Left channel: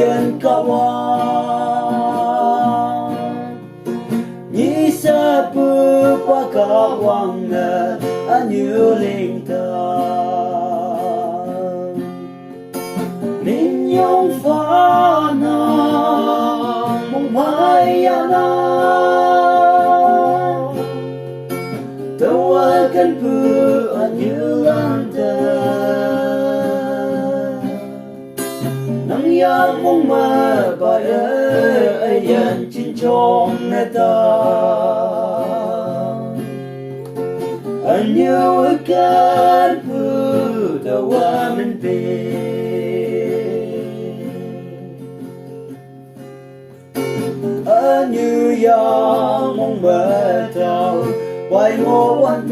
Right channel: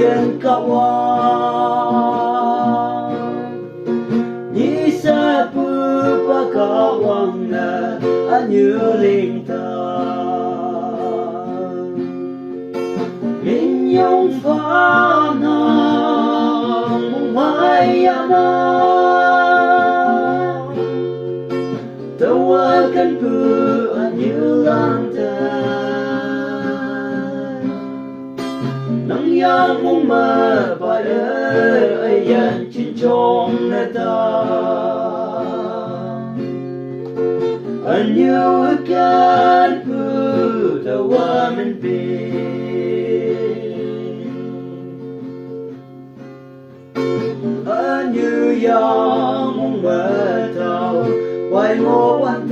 yên kawan Nhi sa pu pa kawang na anyu linh ta Linh nhung pha na mong mai na Tawagan pu anyu lang ta Nang yang mong mabaya ayan chinchong na ta Anyu akan pu tawaman pi Anyu yang mong matao Wai mo an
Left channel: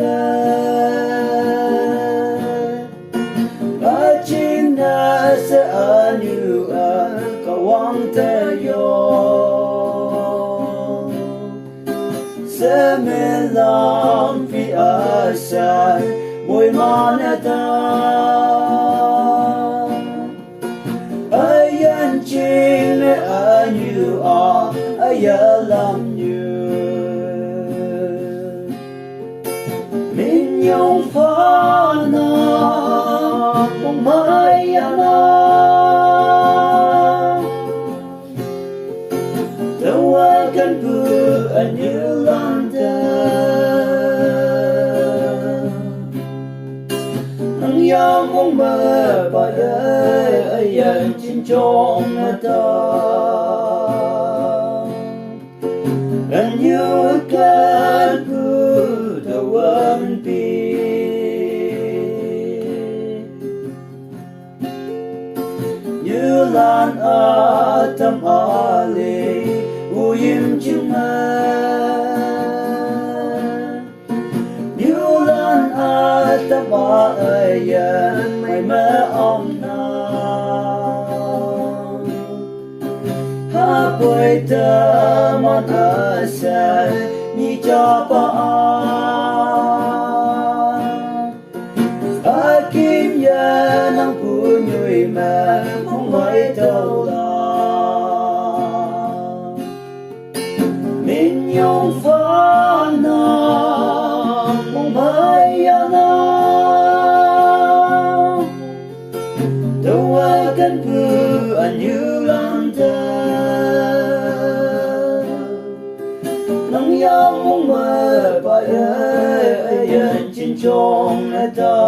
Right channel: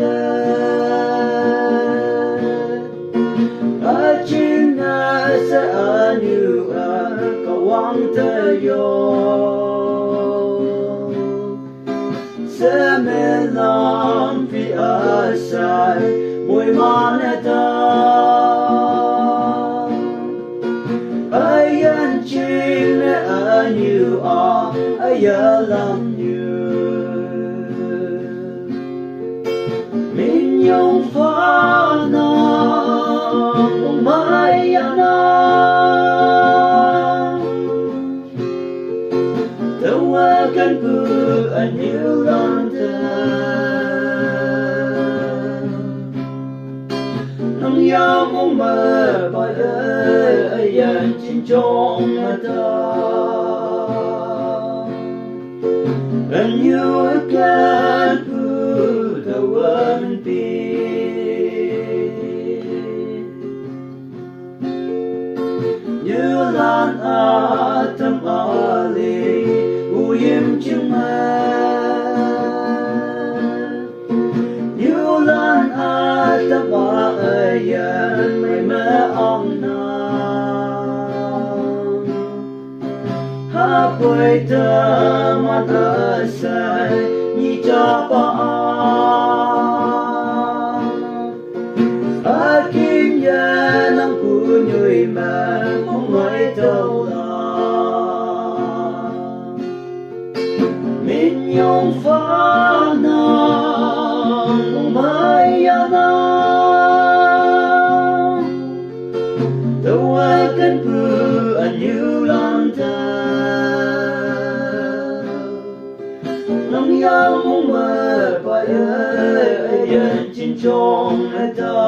Achin na sa anyu kawang tayo Sa melang pi asay mo'y manata Ayan ching na anyu ayalam nyu Minyong pha na mong maya na Tawagan pu anyu lang ta Nang yang mong mabaya ayan chinchong ta Anyu akan pu tawaman pi Như lan atam ali uyim chừng Như lan atam ayan may maong na Hapoy taman asay ni japaan Akim yan ang punyo'y man kung may tawlan Minyong pha na kung may alam Tawagan pu anyu lang ta Nang yang mong mabaya ayan chinchong ta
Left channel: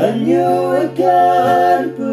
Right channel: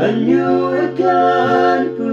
Anyu akan pu